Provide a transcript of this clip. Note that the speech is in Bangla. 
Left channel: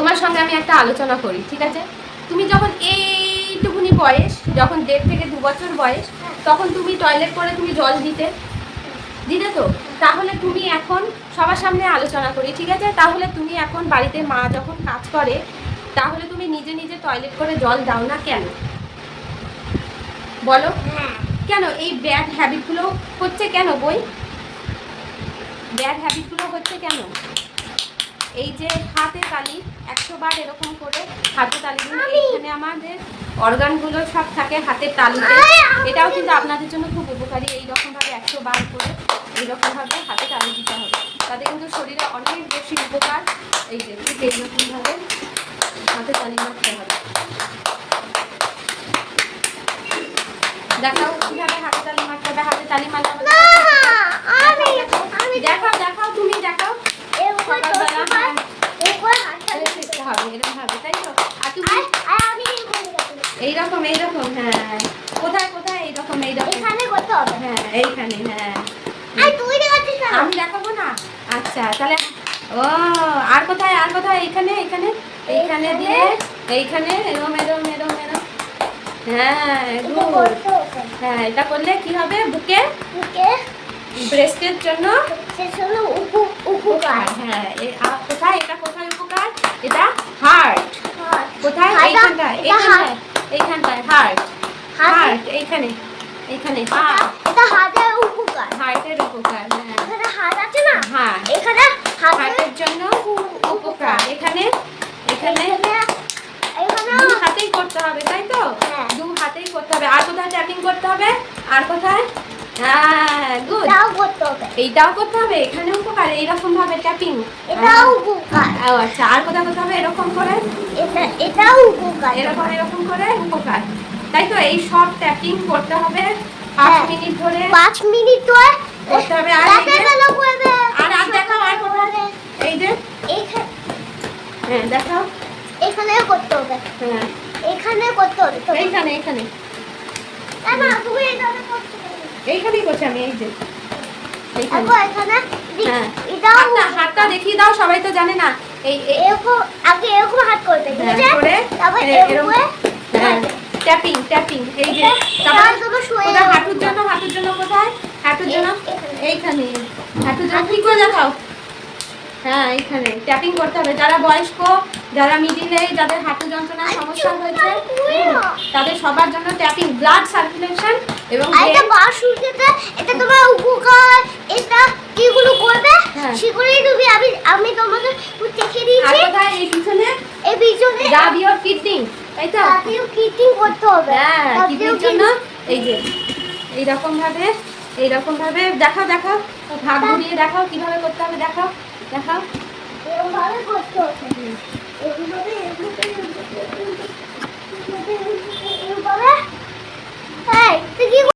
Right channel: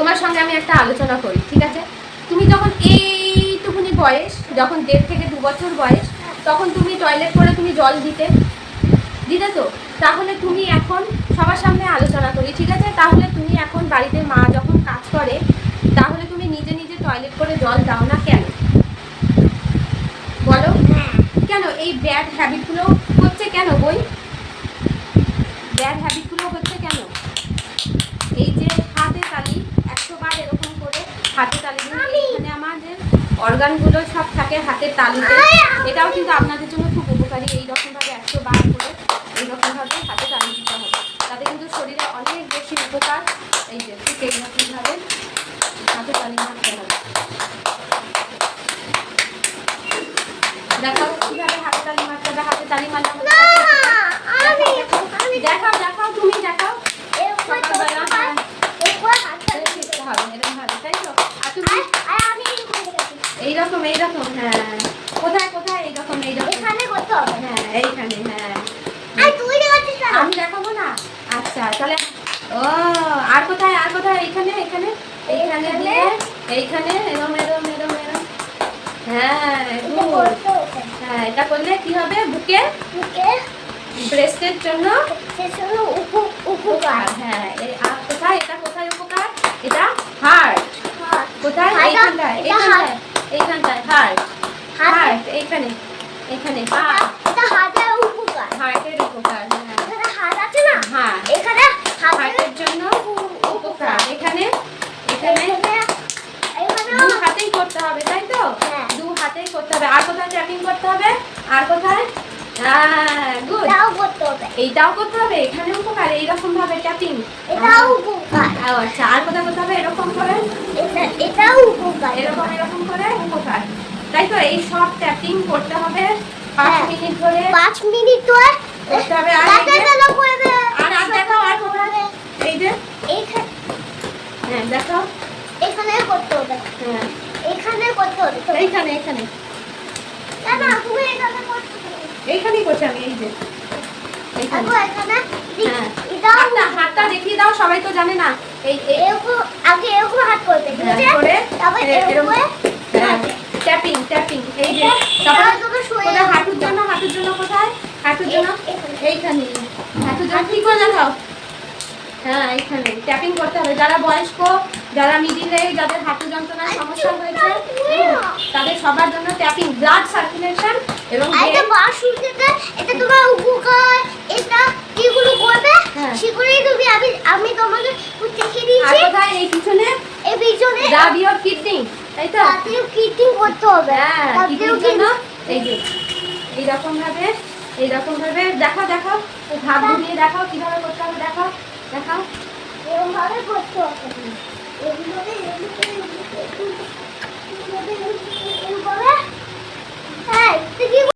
তোমার সঙ্গে আমি একটা আলোচনা করি, ঠিক আছে? তুমি যখন এইটুকুনি বয়স, যখন 1.5 থেকে 2 বছর বয়স, তখন তুমি টয়লেট করে তুমি জল দিতে তো। তাহলে তুমি এখন সবার সামনে আলোচনা করি, ঠিক আছে? তাহলে তুমি এখন বাড়িতে মা যখন কাজ করে, তাহলে তুমি নিজে নিজে টয়লেট করে জল দাও না কেন? বলো কেন? এই ব্যাড হ্যাবিটগুলো হচ্ছে কেন? ব্যাড হ্যাবিটগুলো হচ্ছে কেন? এই যে হাতে তালি 100 বার এরকম করে হাতে তালি দিন, এখানে আমাদের অর্গানগুলো সব থাকে হাতের তালিতে। এটাও কিন্তু আপনাদের জন্য খুব উপকারী। এইরকমভাবে 100 বার করে এইরকমভাবে হাতে তালি দিতে হবে, তাতে কিন্তু শরীরে অনেক বেশি উপকার। এই যে ঠিক এইরকমভাবে হাতে তালি মারতে হবে। দেখাও কীভাবে হাতে তালি মারতে হবে। হাতে তালি মারতে হবে। দেখাও দেখাও, তুমি দেখাও। এইরকম এইরকম, হ্যাঁ। কোথায় কোথায়? এইরকম এইরকম, এখানে করতে হবে। হ্যাঁ এইখানে, হ্যাঁ। আমি দেখাবো না? আচ্ছা তাহলে ও আর কোথায়? আর কোথায়? এইখানে এইখানে এইখানে দিয়ে এইখানে এরম এরম এরম এরম। হ্যাঁ হ্যাঁ, এটা করলে কি হবে? বুকে ব্রেস্টের জন্য উপকার। হ্যাঁ, আর কোথায়? এটা কোথায় উপকার? এটা হার্ট। কোথায়? এইখানটায় এইখানটায় এইখানটায় হার্ট। হার্ট এইখানে এইখানে। এটা হার্টের উপকার। হার্টের উপকার, হ্যাঁ। এখানে হার্ট আছে না? হ্যাঁ, এখানে হার্টের জন্য উপকার। এখানে এখানে দু হাতেই করতে হবে, তাই তো? দু হাতেই করতে হবে। আর কোথায় ট্যাপিং করতে হবে? আর কোথায়? হ্যাঁ গুড, এটাও করতে হবে। এইটাও করতে হবে। এখানে উপকার, এইরকম ভাবে ট্যাপিং, এটাও উপকার। আচ্ছা, আর কোথায় করতে হবে? এরকম করে, এটাও উপকার। এরকম এরকম করে উপকার, তাই তো? এই সব ট্যাপিং করতে হবে 5 মিনিট ধরে। 5 মিনিট ধরে করতে হবে। আর দেখাও, আর করবে। এই যে এইখানে, হ্যাঁ দেখাও। এখানে করতে হবে। হ্যাঁ এখানে করতে হবে। এইখানে এইখানে, না তুমি এখানে করতে হবে। এইখানেই করছি আমি। এই যে এইখানে, হ্যাঁ। এটাও হাতটা দেখিয়ে দাও, সবাই তো জানে না। এই এরকম আগে এরকম হাত করতে, ঠিক আছে? করে তারপর এরকম, হ্যাঁ ট্যাপিং ট্যাপিং। এই যে সবাই কোথায়? হাঁটুর জন্য, হাঁটুর জন্য কোথায়? হাঁটুর জন্য এইখানে, হাঁটুর জন্য ঠিক করে দেখাও। হ্যাঁ এইখানে ট্যাপিং করতে হবে। যারা বয়স্ক, যারা মিডিল এজ, যাদের হাঁটু যন্ত্রণার সমস্যা হয়েছে, তাদের সবার জন্য ট্যাপিং, ব্লাড সার্কুলেশন এবং এটা তোমার উপকার। এটা কিগুলো করবে সেগুলোই তুমি আমি তোমাকে দেখিয়ে দিয়েছি। আর কোথায়? এই পিছনে, এই পিছনে রাব ইওর কিডনি, এই তো রাবিও কিডনি করতে হবে। হ্যাঁ কিডনির জন্য এই যে এইরকম ভাবে দেখাও দেখাও, হাত ঘুরিয়ে দেখাও কিভাবে করতে হবে। দেখাও দেখাও, এরকম ভাবে করতে হবে। এইভাবে